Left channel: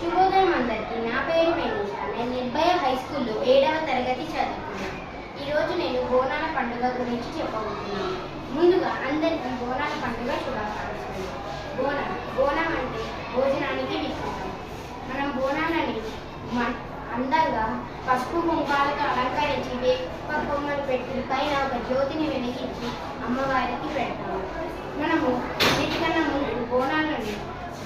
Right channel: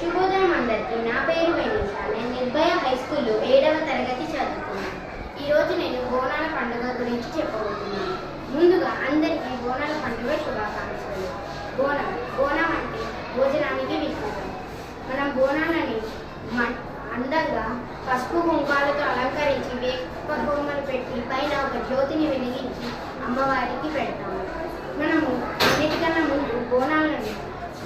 శుభోదయం అందరికీ. నా పేరు వెనీషా. నేను నిర్భయ హై స్కూల్లో 7వ తరగతి చదువుతున్నాను. ఈరోజు నేను బోనాల పండుగ గురించి చెప్పబోతున్నాను. ముందుగా అందరికీ బోనాల పండుగ శుభాకాంక్షలు. బోనం అంటే భోజనానికి వికృతం. మనం బోనాలని అందంగా పసుపు కుంకాలతో అలంకరించి వేప కొమ్మలు పెట్టి పైన ఒక జ్యోతిని వెలిగించి అమ్మవారికి పెడతాము. మనము అన్నిటికన్నా ముందు బోనాలను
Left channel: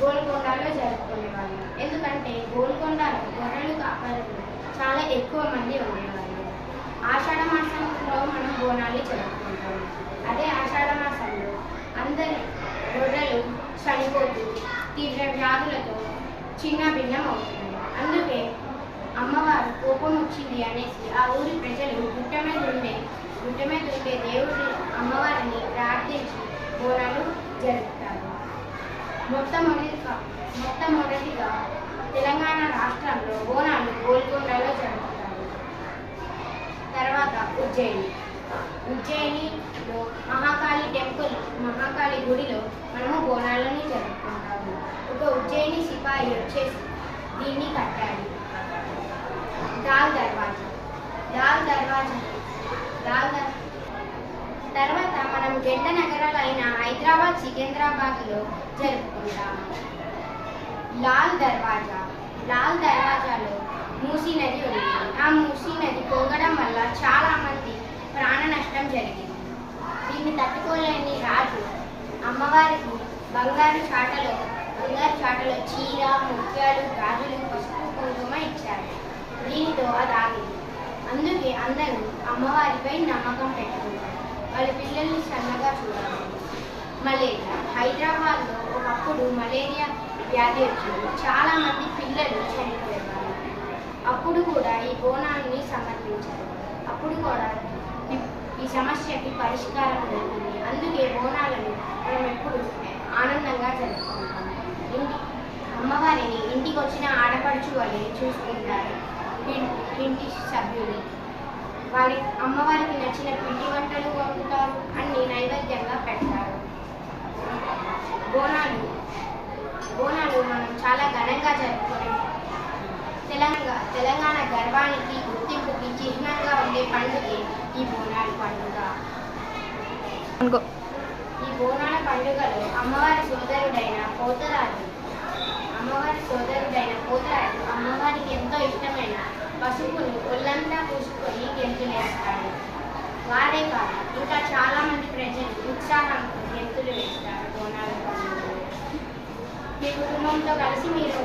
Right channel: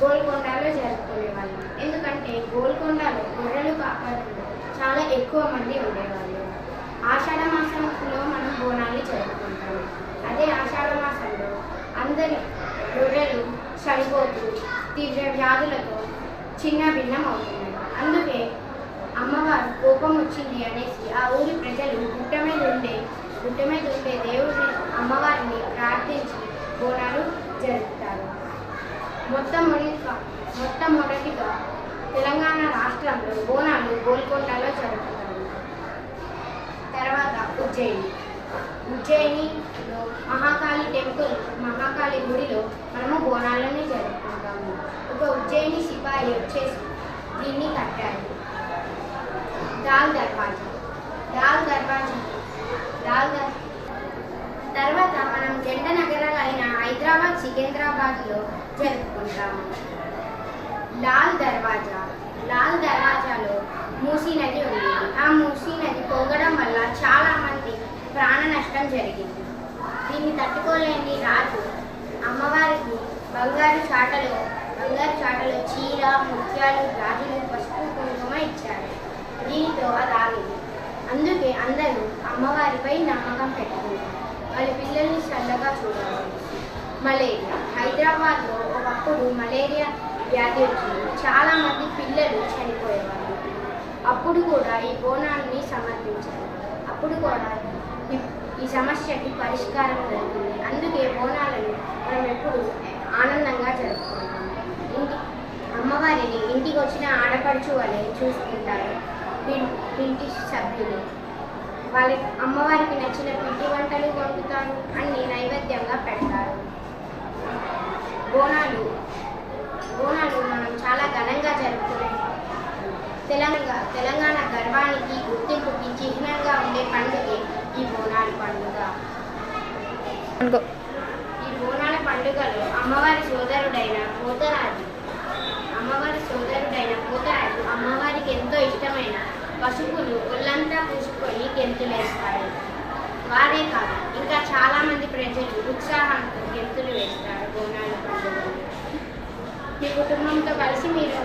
గోల్కొండలో జరుపుకునేవాళ్ళం. ఎందుకంటే గోల్కొండలో గొర్రెలు కాపరులు చాలా ఎక్కువ మంది ఉండేవాళ్ళు. ఆషాఢ మాసంలో మనం బోనాలు జరుపుకుంటాము. అదే ఆషాఢ మాసంలో అందరి గొర్రెలు చనిపోతూ తీవ్ర వ్యాధులతో చిన్న భిన్నం అవుతున్నాయి. అందుకే అమ్మవారు కోపం వచ్చింది అనేసి ఆ ఊరి ప్రజలు గుట్ట మీద ఉండే దేవుడి అమ్మవారిని ప్రార్థించి బోనాలు జరుపుతారు. మొట్టమొదటిగా తెలంగాణ రాష్ట్రంలో బోనాలు గోల్కొండలో జరుపుతారు. తర్వాత ఉజ్జయినిలో మహాకాళి గుడిలో మనము బోనాలని జరుపుకుంటాము. ఒక ఉజ్జయిని సిపాయి వచ్చేసి దీన్ని కట్టారు. దాల్ దర్వాజా తర్వాత మనం జంట నగరాలైన హైదరాబాద్, సికింద్రాబాద్లో జరుపుకుంటాము. లాల్ దర్వాజాలో మూసీ నది ఉంది. ఆ మూసీ నది పోగడం వల్ల చాలా మంది ప్రాణ నష్టం జరిగింది. దీన్ని తట్టుకోలేని రాజు అమ్మవారికి బంగారు చాటలో చీర, ముత్యాలు, గాజులు, పసుపు, కుంకుమ ఇచ్చారు. దీనితో అది ఆగింది. అందుకే అందరూ అమ్మవారిపై నమ్మకం పెట్టుకున్నారు. వాళ్ళ పిల్లల్ని చల్లగా చూడాలి. మలేరియా హైదరాబాద్లో ఒకప్పుడు మలేరియా వ్యాధి వచ్చింది. చాలామంది పిల్లలు చనిపోయేవాళ్ళు. అప్పుడు కూడా ఈ బోనాన్ని సమర్పించారు. అప్పుడు కూడా ఈ సమస్యకి పరిష్కారం దొరికింది. అందుకే బోనాలను మనం ఎప్పుడు ఆనందంగా జరుపుకుంటాము. అమ్మవారిని ఇంటికి వచ్చిన ఆడపడుచు వలె చూసుకుంటారు. ఇంటి సభ్యులు అమ్మవారికి నచ్చిన పిండి వంటలు వండుతారు. అన్ని నైవేద్యంగా పెడతారు. బోనాలు మనం చాలా ఘనంగా జరుపుకునే తెలంగాణ గర్వానికి, గుర్తింపుకి చిహ్నంగా ఉండే పండుగే ఈ బోనాల పండుగ. ఈ బోనాల పండుగలో అమ్మవారి సోదరుడైన పోతరాజు అమ్మవారికి ఎంతో ఇష్టమైన పసుపును ఒళ్ళంతా పూసుకొని గెంతులేస్తాడు. వారే కాదు, ఇంకా చాలామంది ప్రజలు ఉత్సాహంతో గెంతులు వేస్తారు. బోనాల పండుగలో మీ కుటుంబంతో కలిసి మీరు